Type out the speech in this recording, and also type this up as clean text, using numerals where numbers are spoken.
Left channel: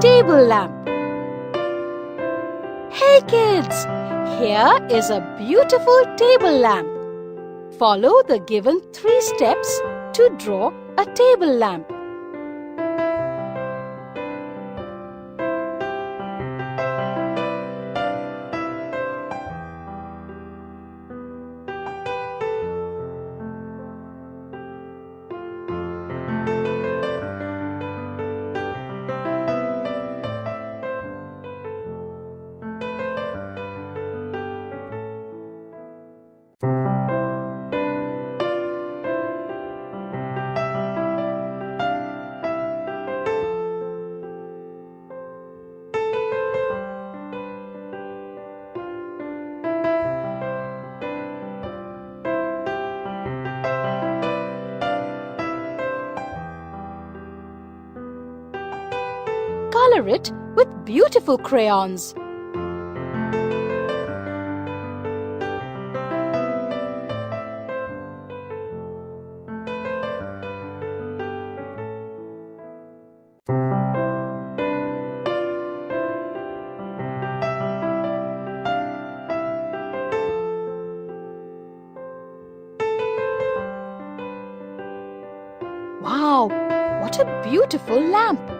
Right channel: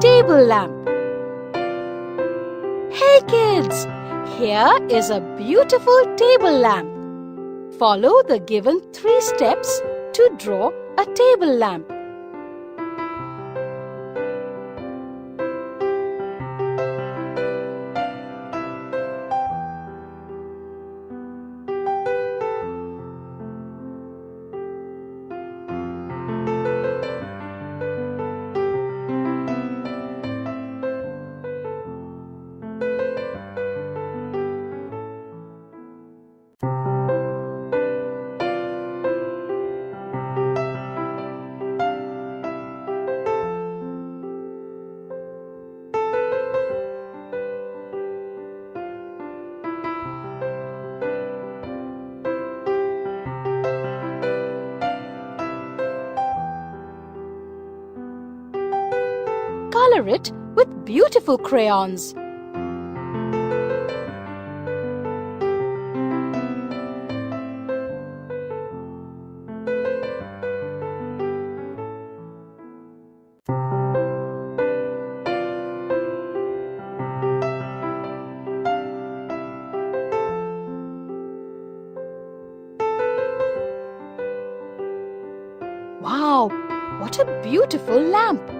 table lamp. Hey kids, here is a beautiful table lamp. Follow the given 3 steps to draw a table lamp. Color it with beautiful crayons. Wow, what a beautiful lamp!